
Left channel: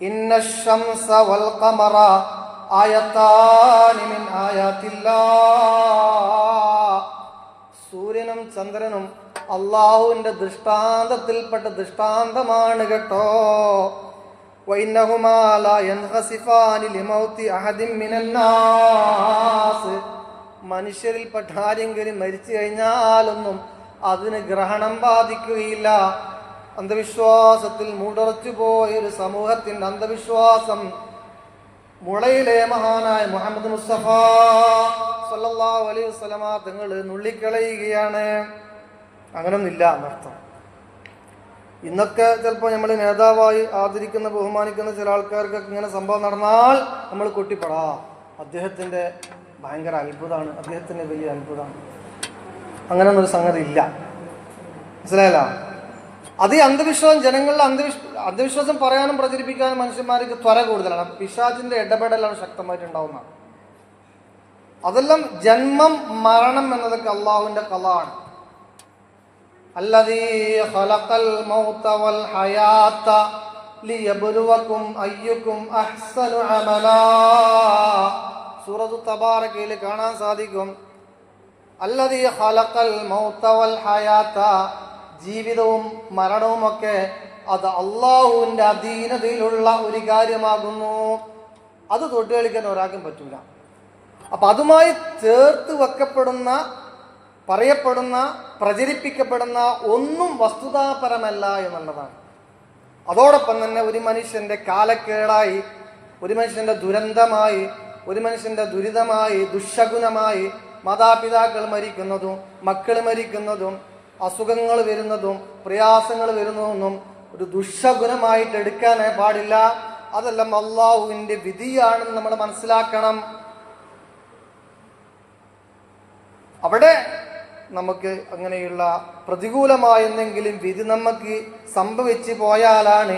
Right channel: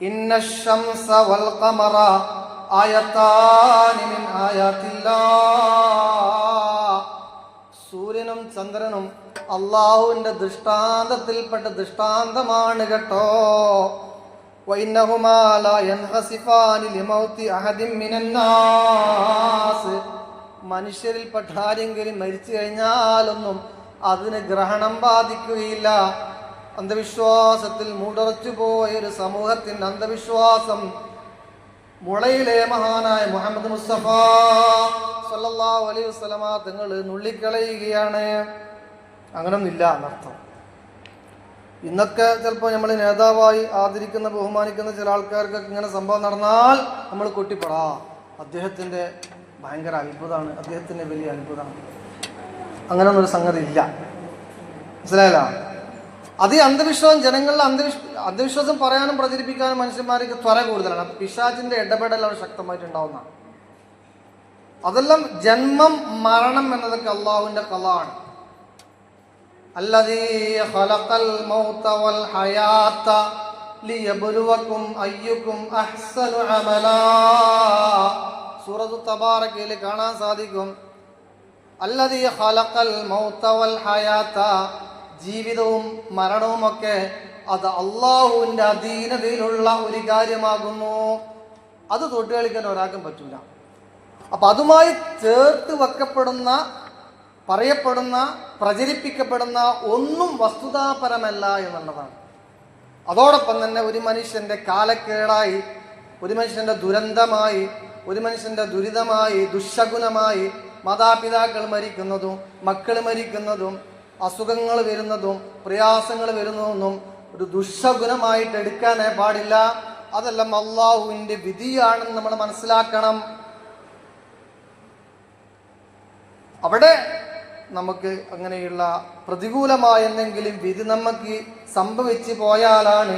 ഇന്നശംസ വൽ ഖമറ ആയതാനി മിൻ ആയാതില്ലാഹ്. സൂര്യനും ചന്ദ്രനും അള്ളാഹുവിന്റെ ദൃഷ്ടാന്തത്തിൽപ്പെട്ട ദൃഷ്ടാന്തമാണ് കേട്ടോ. വഇന്നഹുമാ ലാ യൻഖസിഫാനി ലിമൗതി അഹദിൻ മിനന്നാസ്. മനുഷ്യരിൽപ്പെട്ട ആരെങ്കിലും മരിച്ചു കഴിഞ്ഞാലൊന്നും അതിന് ഗ്രഹണം ബാധിക്കുകയില്ല. അന്ധവിശ്വാസത്തിൽ മൂടറച്ചു പോയ ഒരു സമൂഹത്തിന്റെ അന്ധവിശ്വാസം മുളയിലെ മഹാനായ മുഹമ്മദ് മുസ്തഫ സല്ലല്ലാഹു അലൈഹി വസല്ലമ തങ്ങൾ നുള്ളിക്കളയുകയാണ്. അങ്ങനൊന്നില്ല എന്നർത്ഥം. ഇന്നൊക്കെ ചിലപ്പോൾ നമ്മൾ നേതാവായി ആദരിക്കുന്ന ബഹുമാനിക്കുന്ന ചില ആൾക്കാർക്കൊക്കെ ഇങ്ങനെ സംഭവം നടന്നാൽ നമ്മൾ കൊട്ടിപ്പെടാ, അദ്ദേഹത്തിന്റെ ഭയങ്കര അത്ഭുതമാണ്, അദ്ദേഹത്തിന്റെ വലിയ അത്ഭുതമാണ്. അങ്ങനൊന്നൊരു സംഗതി ഇല്ല. മനസ്സിലായല്ലോ? അത് ഈ അന്ധവിശ്വാസം ജനങ്ങളുടെ അന്ധവിശ്വാസം പറയാനും പ്രചരിപ്പിക്കാനും മനുഷ്യന്മാർക്ക് ത്വര കൂടുതലാണ്. പിശാചിന്റെ ഇടപെടൽ അവിടെ ശക്തമായിട്ടുണ്ടാവുന്നതാണ്. അതെല്ലാം ജന്മം മരണം എന്നതൊക്കെ അള്ളാഹുവിന്റെ ഖളാണ്. അല്ലദീ ഖലഖൽ മൗത വൽ ഹയാത. ലിയബ്ലുവകും അയ്യുക്കും അഹ്സനു അമലാ. സൂറത്തു തബാറകയിൽ കാണാൻ സാധിക്കും, അല്ലദീ ഖലഖൽ മൗത വൽ ഹയാത, ജീവിതവും മരണവുമൊക്കെ അത് അള്ളാഹുവിന്റെ അധീനതയിലുള്ള ഒരു കാര്യമാകുന്നു. അത് തൊട്ട് കളിക്കാൻ ഒരാൾക്കും പറ്റൂല. അപ്പൊ അതുമായി ചേർത്ത് വെക്കപ്പെടുന്ന, പറയപ്പെടുന്ന, പ്രചരിപ്പിക്കപ്പെടുന്ന ഒന്നും വസ്തുതാപരമല്ല എന്നുള്ളതാണ്. അതോടൊപ്പം തന്നെ ഒരു മനുഷ്യന്റെ കാലക്കേടായി, ഒരു മനുഷ്യന്റെ ദുരന്തമായി, ഒരു മനുഷ്യന്റെ ദുരിതമായി, ദുശകുനമായി മാതാപിതാക്കൾ മരിക്കുന്നതും മക്കൾ മരിക്കുന്നതും അസുഖങ്ങൾ വരുന്നതും പ്രയാസങ്ങൾ വരുന്നതൊന്നും ഒരു ദുശകുനമായിട്ട് എടുക്കാനേ പാടില്ല. അതെല്ലാം അള്ളാഹുവിന്റെ വിധിയാണെന്ന് നമ്മൾ മനസ്സിലാക്കണം. അവിടെ നമുക്ക് അങ്ങനെയുള്ള പ്രതികൂലമായ എന്തെങ്കിലും വിധി നമുക്ക് സംഭവിച്ചു പോയാലാണ്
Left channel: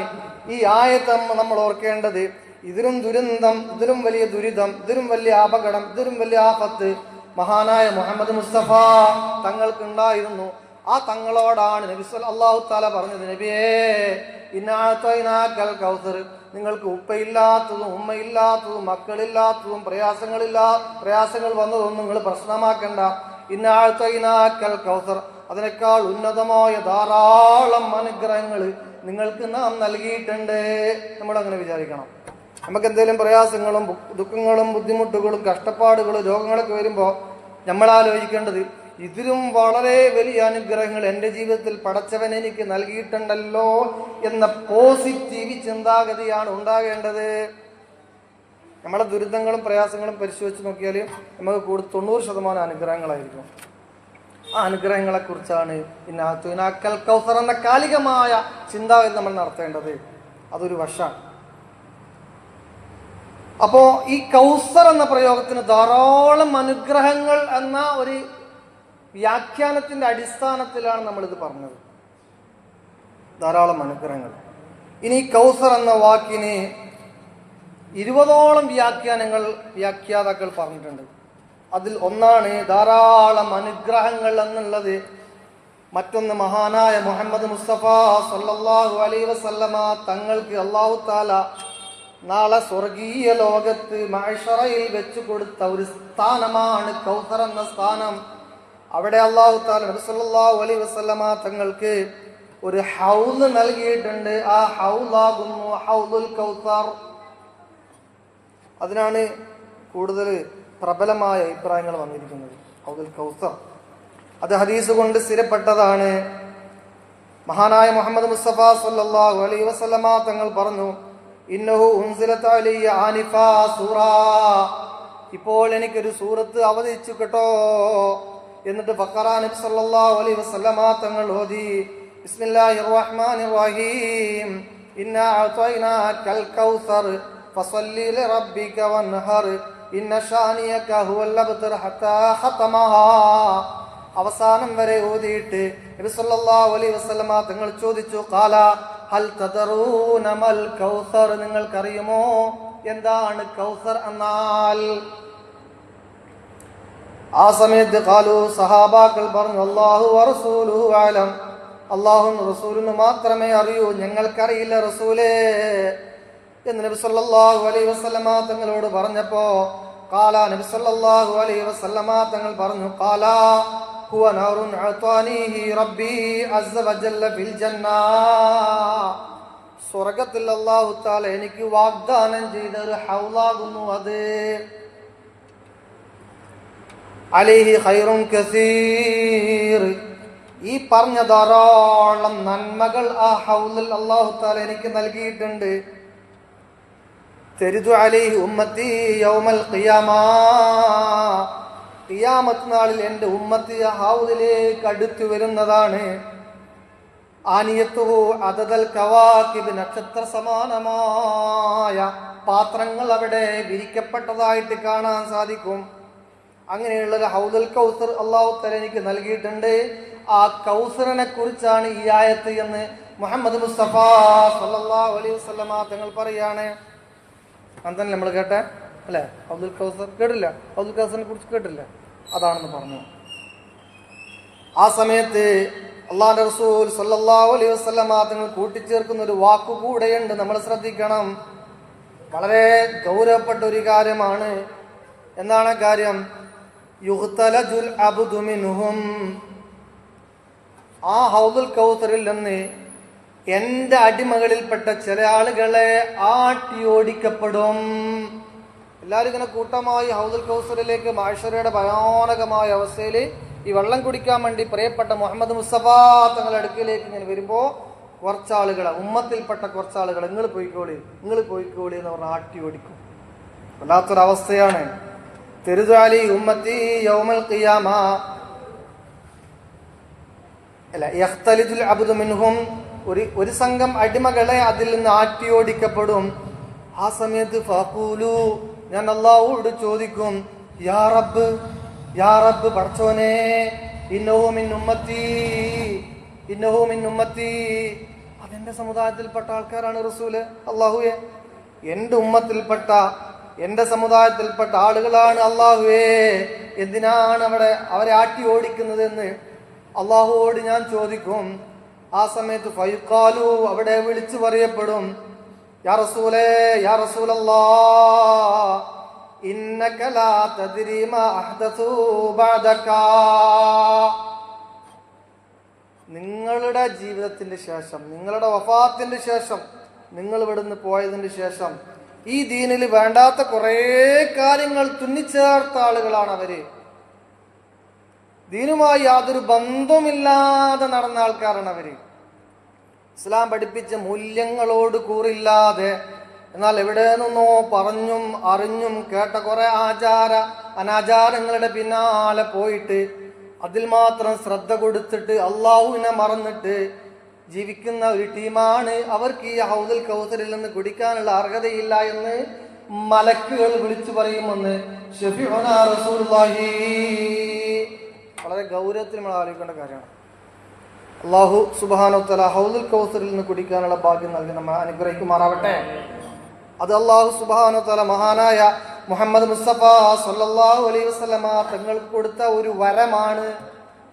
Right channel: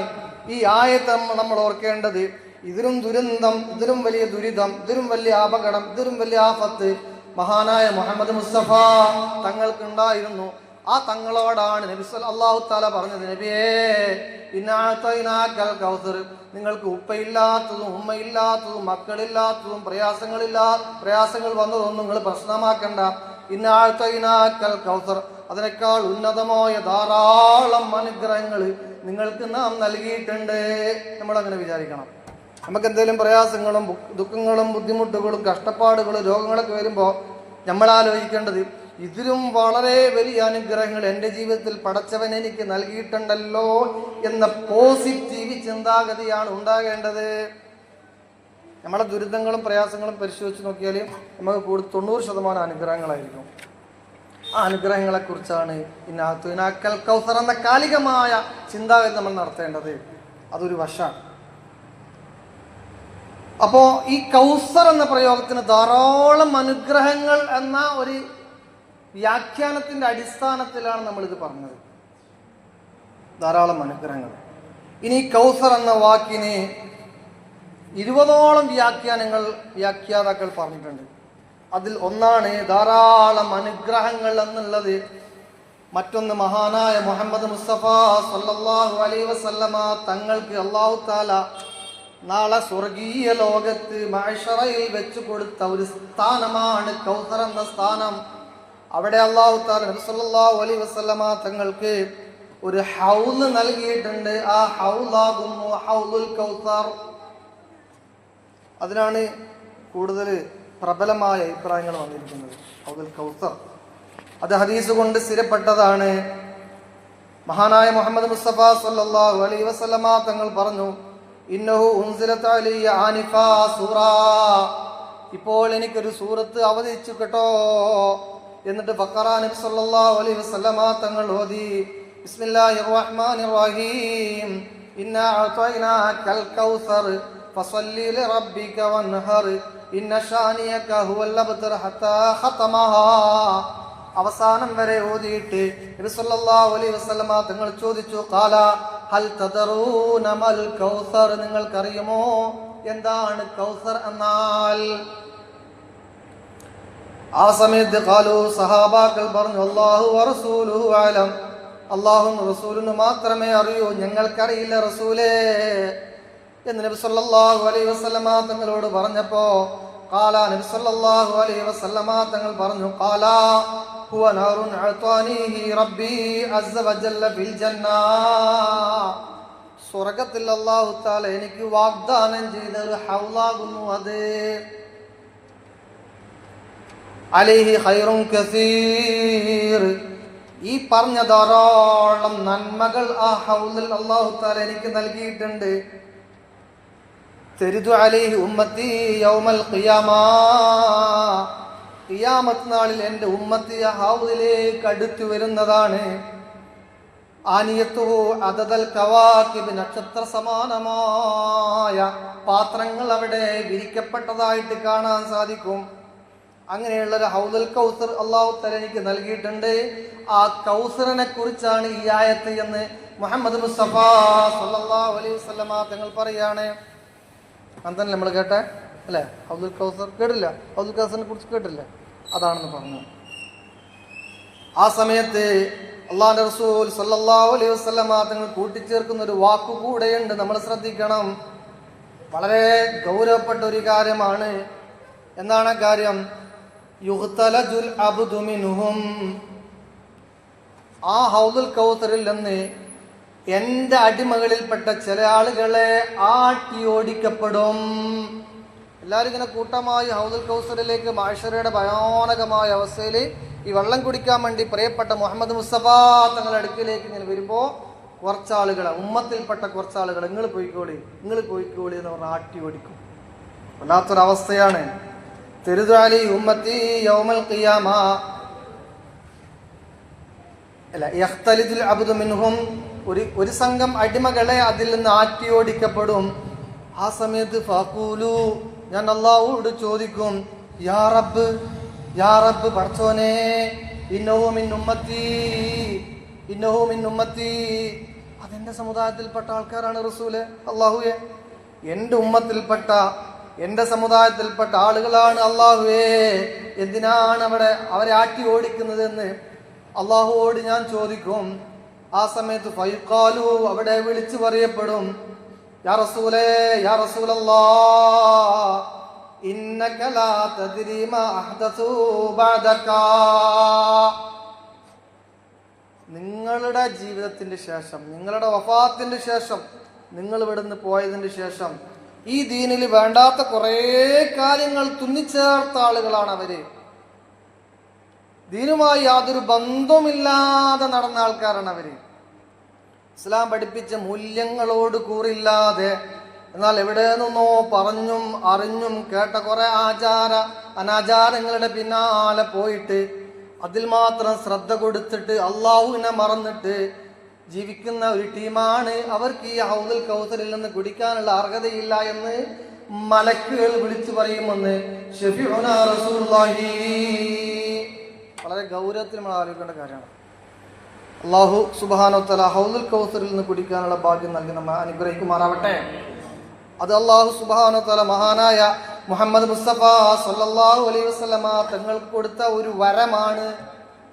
ഈ ആയത്ത് നമ്മൾ ഓർക്കേണ്ടത്. ഇതിലും ദുരന്തം, ഇതിലും വലിയ ദുരിതം, ഇതിലും വലിയ അപകടം, ഇതിലും വലിയ ആപത്ത് മഹാനായ മുഹമ്മദ് മുസ്തഫ തങ്ങൾക്കുണ്ടായിരുന്നു. ആ തങ്ങളോടാണ് നബി അല്ലാഹു തആല പറഞ്ഞത്, നബിയേ ഇന്നഅതൈനാകൽ കൗസർ, നിങ്ങൾക്ക് ഉപ്പയില്ലാത്തതും ഉമ്മയില്ലാത്തതും മക്കളില്ലാത്തതും പ്രയാസങ്ങൾ വന്നതൊന്നും നിങ്ങൾ പ്രശ്നമാക്കണ്ട. ഇന്നഅതൈനാകൽ കൗസർ, അതിനേക്കാൾ ഉന്നതമായ ധാരാളം അനുഗ്രഹങ്ങൾ നിങ്ങൾക്ക് നാം നൽകിയിട്ടുണ്ട്. നമ്മളങ്ങനെ വിചാരിക്കണം. നമുക്ക് എന്തെങ്കിലും പ്രയാസങ്ങളും ദുഃഖങ്ങളും ബുദ്ധിമുട്ടുകളും കഷ്ടപ്പാടുകളും രോഗങ്ങളൊക്കെ വരുമ്പോൾ നമ്മൾ ആലോചിക്കേണ്ടത്, ഇതിലും വളരെ വലിയ അനുഗ്രഹങ്ങൾ എൻ്റെ ജീവിതത്തിൽ പടച്ചവൻ എനിക്ക് നൽകിയിട്ടുണ്ടല്ലോ എന്ന പോസിറ്റീവ് ചിന്താഗതിയാണ് ഉണ്ടാകേണ്ടത്. നമ്മളെ ദുരിതങ്ങളും പ്രയാസങ്ങളും പരിശോധിച്ച് നോക്കിയാൽ നമുക്ക് 90% അനുഗ്രഹങ്ങളായിരിക്കും. ആ അനുഗ്രഹങ്ങളെ കുറിച്ചാണ് ഇന്നഅതൈനാകൽ കൗസർ എന്ന കാലികമായ ചിന്താഗതി നമ്മൾ നടത്തേണ്ടത്. അതൊരു വശമാണ്. അപ്പോ ഈ കൗസർ എന്ന പ്രയോഗത്തിന് ധാരാളം അനുഗ്രഹങ്ങൾ എന്ന ഒരു വ്യാഖ്യാനത്തിന്റെ അടിസ്ഥാനത്തിലാണ് നമ്മളിത് പറഞ്ഞത്. ധാരാളം അനുഗ്രഹങ്ങൾ. ഇനി കൗസർ എന്ന വാക്കിന് 20ഓളം വ്യാഖ്യാതാക്കൾ പറഞ്ഞിട്ടുണ്ട്. അതിൽ ഒന്നാണ് ധാരാളം അനുഗ്രഹങ്ങൾ എന്നുള്ളത്. മറ്റൊന്ന് മഹാനായ മുഹമ്മദ് മുസ്തഫ സല്ലല്ലാഹു അലൈഹി വസല്ലമ തങ്ങൾക്ക് അല്ലാഹു തആല നാളെ സ്വർഗീയ ലോകത്ത് മഅ്ശറയിൽ വെച്ച് കൊടുത്ത ഒരു സ്ഥാനമാണ് കൗസർ എന്ന സ്ഥാനം. അവിടെ അല്ലാഹു തആല നബി സല്ലല്ലാഹു അലൈഹി വസല്ലമ തങ്ങൾക്ക് ഒരു ഹൗദ് നൽകിയിട്ടുണ്ട്. ആ ഹൗദാകുന്നു ഹൗദുൽ കൗസർ. അതിനാണ് കൂടുതൽ പ്രബലമായ അഭിപ്രായങ്ങൾ വന്നിരിക്കുന്നത്. ഹൗദുൽ കൗസർ അത് ഹദീസ് കൊണ്ട് സ്ഥിരപ്പെട്ടതാണ്. മഹാനായ മുഹമ്മദ് മുസ്തഫ സല്ലല്ലാഹു അലൈഹി വസല്ലമ തങ്ങൾ പറഞ്ഞു, ഇന്നഹു ഉൻസിലത അലയ്യ ആനിഫാ സൂറ, ഇപ്പോൾ എനിക്കൊരു സൂറത്ത് അവതരിച്ചു കേട്ടോ. എന്നിട്ട് ബഖറ നബി സല്ലല്ലാഹു അലൈഹി വസല്ലമ തങ്ങൾ ഓതി, ബിസ്മില്ലാഹിർ റഹ്മാനിർ റഹീം, ഇന്നാ അഅതൈനാകൽ കൗസർ ഫസല്ലി ലിറബ്ബിക വൻഹർ ഇന്ന ഷാനിയക ഹുവൽ അബ്തർ ഹത്താ ഖതമഹാ. അവസാനം വരെ ഓതിയിട്ട് നബി സല്ലല്ലാഹു അലൈഹി വസല്ലമ തങ്ങൾ ചോദിച്ചു, ഖാല ഹൽ തദറൂന മൽ കൗസർ, നിങ്ങൾക്കറിയുമോ എന്താണ് കൗസർ എന്നാൽ? ആ സമയത്ത് ഖാലു, സഹാബാക്കൾ പറഞ്ഞു, അല്ലാഹു വറസൂലുഹു അലം, അല്ലാഹുവും റസൂലിന് മാത്രമേ അറിയൂ, ഞങ്ങൾക്കറിയില്ല റസൂലേ എന്ന് നബി സല്ലല്ലാഹു അലൈഹി വസല്ലമ തങ്ങളോട് പറഞ്ഞപ്പോ ഖാല നബി സല്ലല്ലാഹു അലൈഹി വസല്ലമ തങ്ങൾ പറഞ്ഞു, ഖാല ഹുവ നാറുൻ അഅതാനിഹി റബ്ബി അസ്സ വജല്ല ഫിൽ ജന്ന, സ്വർഗ്ഗത്തിൽ അല്ലാഹു തആല എനിക്ക് വാഗ്ദാനം ചെയ്ത ഒരു ഹൗളാകുന്നു അത്. അലൈഹി ഖൈറുൻ കസീർ, ഈ പറഞ്ഞ ധാരാളം നന്മകൾ ആ ഹൗളിൽ അല്ലാഹു തആല എനിക്ക് നൽകിയിട്ടുണ്ട്. തരിദു അലൈഹി ഉമ്മത്തി യൗമൽ ഖിയാമ, ഖിയാമത്ത് നാളിൽ എൻ്റെ ഉമ്മത്തി ഹൗദിലേക്ക് അടുത്തു വരുന്നതാണ്. ആനിയത്തുഹു അദദൽ കവാകിബ്, നക്ഷത്ര സമാനമായ പാത്രങ്ങൾ അവിടെ വിരിക്കപ്പെട്ടതായിട്ട് കാണാൻ സാധിക്കും. അങ്ങനെയുള്ള ഒരു ഹൗദുൽ കൗസർ അല്ലാഹു തആല എനിക്ക് നൽകിയിട്ടുണ്ട്. ആ കൗസറിനെ കുറിച്ചാണ് ഈ ആയത്ത് എന്ന് മുഹമ്മദ് മുസ്തഫ സല്ലല്ലാഹു അലൈഹി വസല്ലമ തങ്ങൾ പറയാണ്. അന്തന്നെ നമ്മൾ കേട്ടെ അല്ലേ? ഹൗദുൽ കൗസർ കേട്ടില്ല? ഹൗദുൽ കൗസറിനെ കുറിച്ച് കേട്ടില്ല? അതാണെന്ന് പറഞ്ഞു. ആ സമയത്ത് അള്ളാഹുവിന്റെ റസൂൽ സല്ലല്ലാഹു അലൈഹി വസല്ലമ തങ്ങൾ കൂട്ടിച്ചേർക്കുന്ന ഒരു വാക്കുകൂടെയുണ്ട്, നമ്മൾ ശ്രദ്ധിക്കണം. വളരെ ഗൗരവപ്പെട്ട ഒരു കാര്യമാണ്. എന്താണ് കാര്യം? യുഖ്തലജുൽ അബ്ദു മിൻഹും, ആ ഹൗദുൽ കൗസറിൽ നിന്ന് എന്റെ അടിമകളിൽപ്പെട്ട ചില ആളുകളെ ആട്ടിയോടിക്കപ്പെടും. എല്ലാവരും ഇങ്ങനെ കൂട്ടമായി ഹൗദുൽ കൗസറിലേക്ക് മഹ്ശറയുടെ ഭയാനകമായ അവസ്ഥയിൽ ഈ വെള്ളം കുടിക്കാൻ വേണ്ടി പ്രിയപ്പെട്ട മുഹമ്മദ് മുസ്തഫ തങ്ങളുടെ അടുക്കിലേക്ക് ഇങ്ങനെ വരുമ്പോ കുറച്ചാളുകളെ, ഉമ്മത്തിൽപ്പെട്ട കുറച്ചാളുകൾ, നിങ്ങൾ പോയിക്കോളി എന്ന് പറഞ്ഞ ആട്ടി ഓടിക്കും. വല്ലാത്തൊരവസ്ഥയാണ്. തെരുദാലി ഉമ്മത്തി യൗമൽ ഖിയാമ അല്ല യഖ്തലിദുൽ അബ്ദു മിൻഹും, ഒരു സംഘം അടിമകളെ അതിൽ നിന്ന് ആട്ടിയോടിക്കപ്പെടും. ആ സമയത്ത് ഫഖൂലു, ഞാൻ അല്ലാഹുവോട് ചോദിക്കും, യാ റബ്ബ് പടച്ചോനെ, ഇന്നഹു മിൻ ഉമ്മത്തി, അതെന്റെ സമുദായത്തിൽപ്പെട്ട ആൾക്കാരാണ് റസൂല്. അല്ലാഹുവേ, എന്റെ സമുദായത്തിൽപ്പെട്ട ആളുകളാണ് അല്ലാഹുവേ, എന്തിനാണ് അവരെ ആട്ടി ഓടിക്കുന്നതെന്ന് അല്ലാഹുവോട് ഞാൻ ചോദിക്കും. ആ സമയത്ത് ഫൈഖാലു, അവിടെ വിളിച്ചു പറയപ്പെടും, യാ റസൂലല്ലാഹ് ഇന്നക ലാ തദ്രി മാ അഹ്ദസു ബഅദക, നിങ്ങളുടെ ജീവിതത്തിന്റെ ശേഷം, നിങ്ങളുടെ വഫാത്തിന്റെ ശേഷം, നിങ്ങൾ ഇവിടുന്ന് പോയതിന് ശേഷം ഈ ദീനിൽ വേണ്ടാത്ത കുറേ കാര്യങ്ങൾ തുന്നിച്ചേർത്ത ആളുകളാണ് അവര്. ദീനുമായി യാതൊരു ബന്ധവുമില്ലാതെ നടന്ന ആൾക്കാരാണ് അവര്. ഇസ്ലാം പഠിപ്പിച്ച മൂല്യങ്ങളോട് കൂറില്ലാതെ, എന്നാൽ എവിടെ നിന്നോ പറഞ്ഞും അറിഞ്ഞും കേട്ട കുറെ അനാചാരങ്ങളുടെ പിന്നാലെ പോയിട്ട് അതിൽ മാത്രം ശ്രദ്ധ കൊടുത്തിട്ട് അള്ളാഹുവിനെ മറന്നിട്ട് ജീവിക്കുന്ന ഒരു ടീമാണ്. അവർക്ക് ഈ ഹൗദുൽ കൗസറിൽ നിന്ന് കുടിക്കാനുള്ള അർഹതയില്ല എന്ന് മലക്കുകൾ വിളിച്ചു പറയുമെന്ന് ശഫീഉനാ റസൂലുള്ളാഹി. വളരെ ഗൗരവത്തിൽ നമ്മൾ ആലോചിക്കേണ്ട കാര്യമാണ്. അല്ലാഹു സുബ്ഹാനഹു വ തആല ഹൗദുൽ കൗസറിൽ നിന്ന് കുടിക്കാനുള്ള ഭാഗ്യം നൽകി നമ്മെ അനുഗ്രഹിക്കുമാറാവട്ടെ. അത് അല്ലാഹു സുബ്ഹാനഹു വ തആല മഹാനായ മുഹമ്മദ് മുസ്തഫ സല്ലല്ലാഹു അലൈഹി വസല്ലമ തങ്ങൾക്ക് കൊടുത്ത ഒരു വരമാണ്,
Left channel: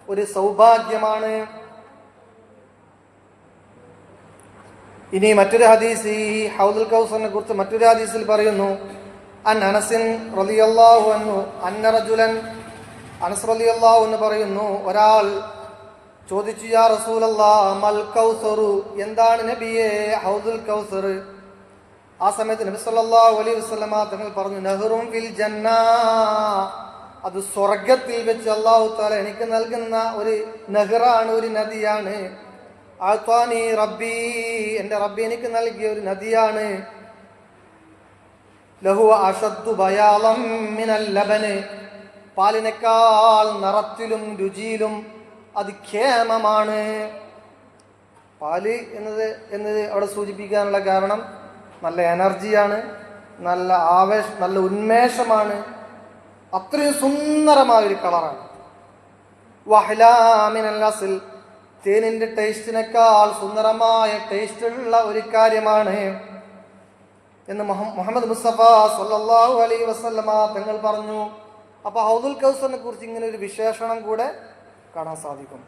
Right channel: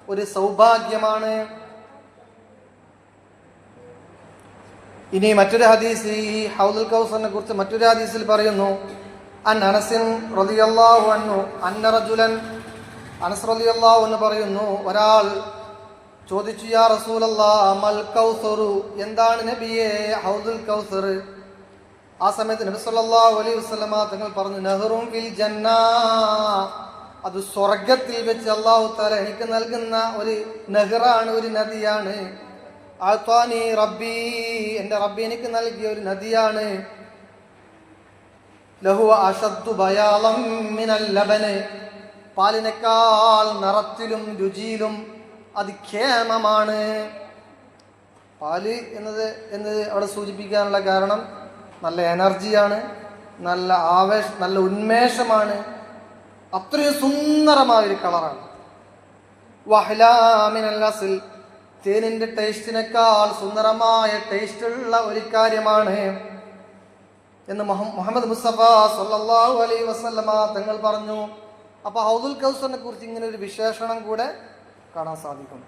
ഒരു സൗഭാഗ്യമാണ്. ഇനി മറ്റൊരു ഹദീസ്, ഈ ഹൗദുൽ കൗസറിനെ കുറിച്ച് മറ്റൊരു ഹദീസിൽ പറയുന്നു, അൻ അനസ് റളിയല്ലാഹു അൻഹു അന്ന റജുലൻ, അനസ് റളിയല്ലാഹു അൻഹു പറയുന്നു, ഒരാൾ ചോദിച്ചു, യാ റസൂലല്ലാഹ് മൽ കൗസറു, എന്താണ് നബിയേ ഹൗദുൽ കൗസർ? ആ സമയത്ത് നബി സല്ലല്ലാഹു അലൈഹി വസല്ലമ തങ്ങൾ പറഞ്ഞു, നഹറും ഫിൽ ജന്ന, അത് സ്വർഗത്തിൽ വെച്ച് അല്ലാഹു തആല എനിക്ക് നൽകുന്ന ഒരു നഹറാണ്, ഒരു നദിയാണ്. ആത്വാനി റബ്ബി, എന്റെ റബ്ബി എനിക്ക് നൽകിയ ഒരു നദിയാണ്. ലഹു അഷദ്ദു ബയാളം മിനൽ ലബന്, പാലിനേക്കാൾ നിറത്തിലും രുചിയിലും അത് ഖേമമാണ്. പാല് എന്നത് അവിടെ സൂചിപ്പിക്കാനുള്ള കാരണം നല്ല എനർജിയാണ്, നല്ല നല്ല ഉന്മേഷമാണ്, അത്രയും സുന്ദരമായൊരു കളറാണ്. വഹ്ലാമിനൽ അസ്ൽ, തേനിന്റെ ടേസ്റ്റിനേക്കാൾ സുന്ദരമായ ടേസ്റ്റുള്ള ഒരു കാര്യമാണ് എന്ന് മുഹമ്മദ് മുസ്തഫ സല്ലല്ലാഹു അലൈഹി വസല്ലമ തങ്ങൾ പറഞ്ഞു. അപ്പൊ ഹൗദുൽ കൗസറിനെ കുറിച്ച് ഇങ്ങനെ ഒരു വിശേഷണം കൂടെ കാണാൻ സാധിക്കും.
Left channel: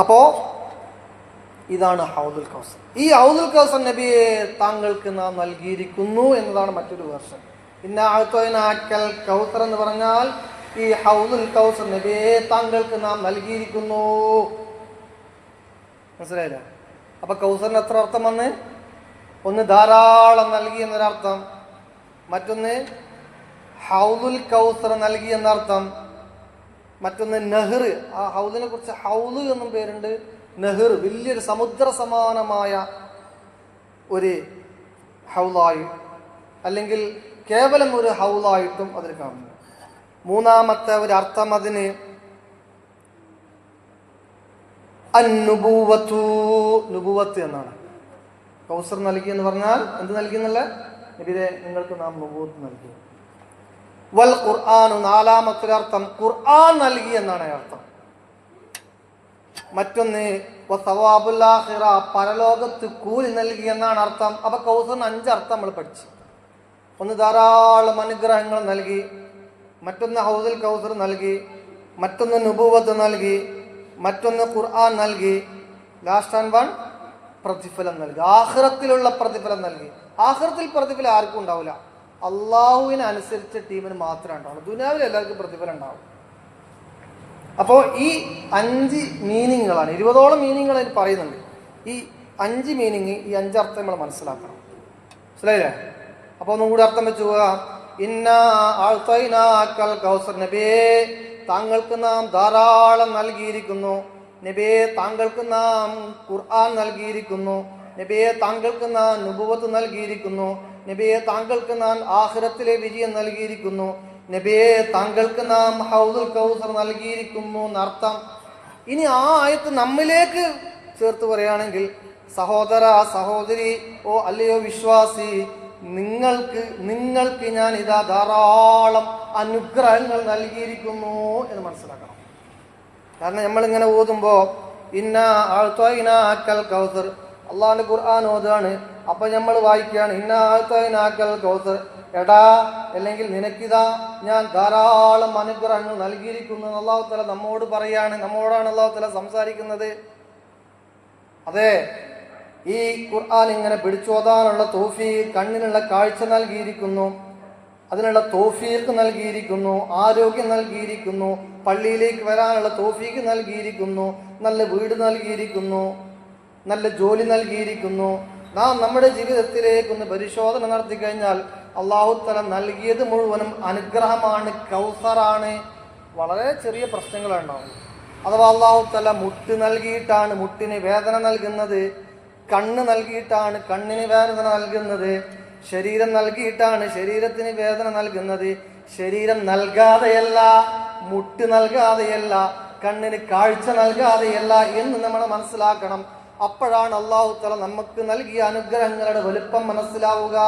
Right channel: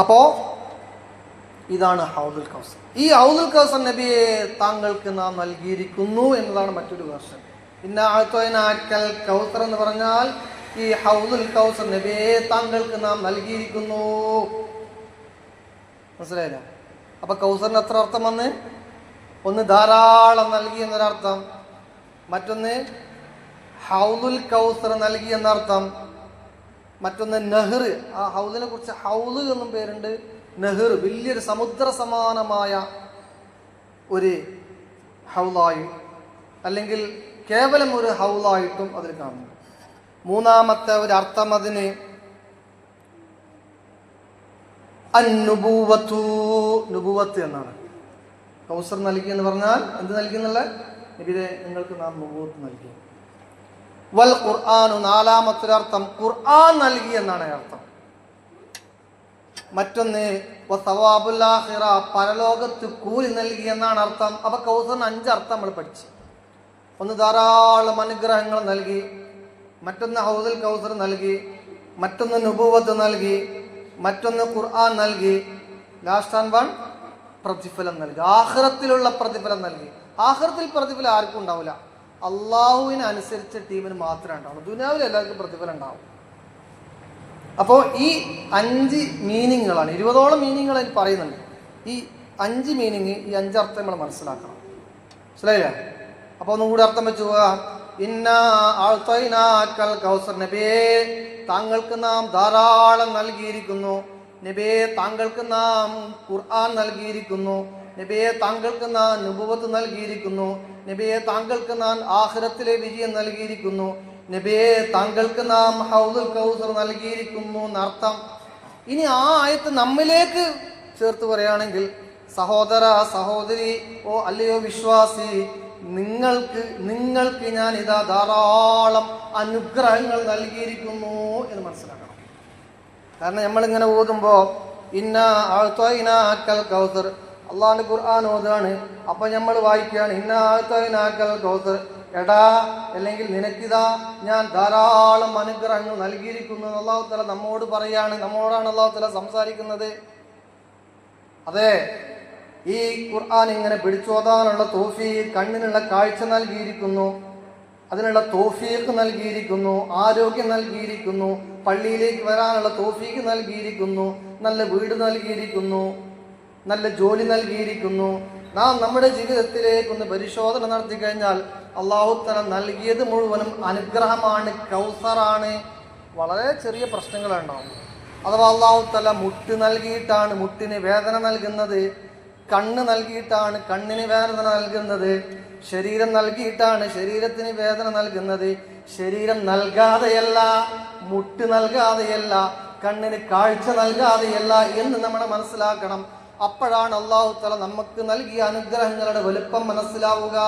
അപ്പോ ഇതാണ് ഹൗദുൽ കൗസർ. ഈ ഹൗദുൽ കൗസർ നബിയെ താങ്കൾക്ക് നാം നൽകിയിരിക്കുന്നു എന്നതാണ് മറ്റൊരു വേർഷൻ. പിന്നെ അഅ്തൈനാക്കൽ കൗസർ എന്ന് പറഞ്ഞാൽ ഈ ഹൗദുൽ കൗസർ നബിയെ താങ്കൾക്ക് നാം നൽകിയിരിക്കുന്നു. മനസ്സിലായില്ല? അപ്പൊ കൗസറിന് എത്ര അർത്ഥം വന്ന്? ഒന്ന് ധാരാളം നൽകി എന്നൊരർത്ഥം, മറ്റൊന്ന് ഹൗദുൽ കൗസർ നൽകി എന്നർത്ഥം, മറ്റൊന്ന് നെഹ്ർ. ആ ഹൗദിനെ കുറിച്ച് ഹൗദ് എന്നും പേരുണ്ട്, നെഹ്ർ വലിയൊരു സമുദ്ര സമാനമായ ഒരു ഹൗദായി, അല്ലെങ്കിൽ കേവലം ഒരു ഹൗദായിട്ടും അതിൽ കാണുന്നു. മൂന്നാമത്തെ ഒരു അർത്ഥം അതിന് നുബുവത്ത് എന്നാണ്. കൗസർ നൽകി എന്ന് പറഞ്ഞാൽ എന്ത് നൽകി എന്നല്ല, നബിയെ നിങ്ങൾക്ക് നാം നുബുവത്ത് നൽകി. വൽ ഖുർആൻ, നാലാമത്തെ അർത്ഥം ഖുർആൻ നൽകി എന്നാണ് അർത്ഥം. മറ്റൊന്ന് വസവാബുൽ ആഖിറ, പരലോകത്ത് കൂലി നൽകി എന്നാണ് അർത്ഥം. അപ്പൊ കൗസറിന് 5 അർത്ഥം നമ്മൾ പഠിച്ചു. ഒന്ന് ധാരാളം അനുഗ്രഹങ്ങൾ നൽകി, മറ്റൊന്ന് ഹൗദുൽ കൗസർ നൽകി, മറ്റൊന്ന് നുബുവത്ത് നൽകി, മറ്റൊന്ന് ഖുർആൻ നൽകി, ലാസ്റ്റ് ആൻഡ് വൺ പ്രതിഫലം നൽകി. ആഖിറത്തിലുള്ള പ്രതിഫലം നൽകി. ആഖിറത്തിൽ പ്രതിഫലം ആർക്കും ഉണ്ടാവില്ല, അള്ളാഹുവിന് അനുസരിച്ച ടീമിന് മാത്രമേ ഉണ്ടാവുള്ളൂ. ദുനിയാവിൽ എല്ലാവർക്കും പ്രതിഫലം ഉണ്ടാവും. അപ്പോൾ ഈ 5 മീനിങ്ങുകളാണ്, 20ഓളം മീനിങ്ങുകൾ അതിന് പറയുന്നുണ്ട്. ഈ 5 മീനിങ്, ഈ 5 അർത്ഥം നമ്മൾ മനസ്സിലാക്കണം. മനസ്സിലായില്ലേ? അപ്പോൾ ഒന്നും കൂടി അർത്ഥം വെച്ചു പോകാം. ഇന്നാ അഅ്തൈനാക്കൽ കൗസർ, നബിയേ താങ്കൾക്ക് നാം ധാരാളം നൽകിയിരിക്കുന്നു. നബിയെ താങ്കൾക്ക് നാം ഖുർആൻ നൽകിയിരിക്കുന്നു. നബിയെ താങ്കൾക്ക് നാം നുബുവത്ത് നൽകിയിരിക്കുന്നു. നബിയെ താങ്കൾക്ക് നാം ആഖിറത്തിലെ വിജയം നൽകിയിരിക്കുന്നു. നബിയെ താങ്കൾക്ക് നാം ഹൗദുൽ കൗസർ നൽകിയിരിക്കുന്നു എന്നർത്ഥം. ഇനി ആ ആയത്ത് നമ്മിലേക്ക് ചേർത്ത് പറയുകയാണെങ്കിൽ, സഹോദര സഹോദരി, ഓ അല്ലയോ വിശ്വാസി, നിങ്ങൾക്ക് ഞാൻ ഇതാ ധാരാളം അനുഗ്രഹങ്ങൾ നൽകിയിരിക്കുന്നു എന്ന് മനസ്സിലാക്കണം. കാരണം നമ്മളിങ്ങനെ ഓതുമ്പോ ഇന്നാ അഅ്തൈനാക്കൽ കൗസർ, അള്ളാഹുവിന്റെ ഖുർആൻ ഓതാണ്. അപ്പൊ നമ്മൾ വായിക്കുകയാണ് ഇന്നാ അഅ്തൈനാക്കൽ കൗസർ, എടാ അല്ലെങ്കിൽ നിനക്കിതാ ഞാൻ ധാരാളം അനുഗ്രഹങ്ങൾ നൽകിയിരിക്കുന്നു. അല്ലാഹു തആല നമ്മോട് പറയാണ്, നമ്മോടാണ് അല്ലാഹു തആല സംസാരിക്കുന്നത്. അതെ, ഈ ഖുർആൻ ഇങ്ങനെ പിടിച്ചോതാനുള്ള തൗഫീഖ്, കണ്ണിനുള്ള കാഴ്ച നൽകിയിരിക്കുന്നു, അതിനുള്ള തൗഫീഖ് നൽകിയിരിക്കുന്നു, ആരോഗ്യം നൽകിയിരിക്കുന്നു, പള്ളിയിലേക്ക് വരാനുള്ള തൗഫീഖ് നൽകിയിരിക്കുന്നു, നല്ല വീട് നൽകിയിരിക്കുന്നു, നല്ല ജോലി നൽകിയിരിക്കുന്നു. നാം നമ്മുടെ ജീവിതത്തിലേക്കൊന്ന് പരിശോധന നടത്തി കഴിഞ്ഞാൽ അല്ലാഹു തആല നൽകിയത് മുഴുവനും അനുഗ്രഹമാണ്, കൗസറാണ്. വളരെ ചെറിയ പ്രശ്നങ്ങളുണ്ടാവും. അഥവാ അല്ലാഹു തആല മുട്ട് നൽകിയിട്ടാണ് മുട്ടിന് വേദന നൽകുന്നത്, കണ്ണ് നൽകിയിട്ടാണ് കണ്ണിന് വേദന നൽകുന്നത്, ശരീരം നൽകിയിട്ടാണ് ശരീരത്തിന് വേദന നൽകുന്നത്. ശരീരം നൽകാതെയല്ല, മുട്ട് നൽകാതെയല്ല, കണ്ണിന് കാഴ്ച നൽകാതെയല്ല എന്ന് നമ്മൾ മനസ്സിലാക്കണം. അപ്പോഴാണ് അല്ലാഹു തആല നമുക്ക് നൽകിയ അനുഗ്രഹങ്ങളുടെ വലുപ്പം മനസ്സിലാവുക.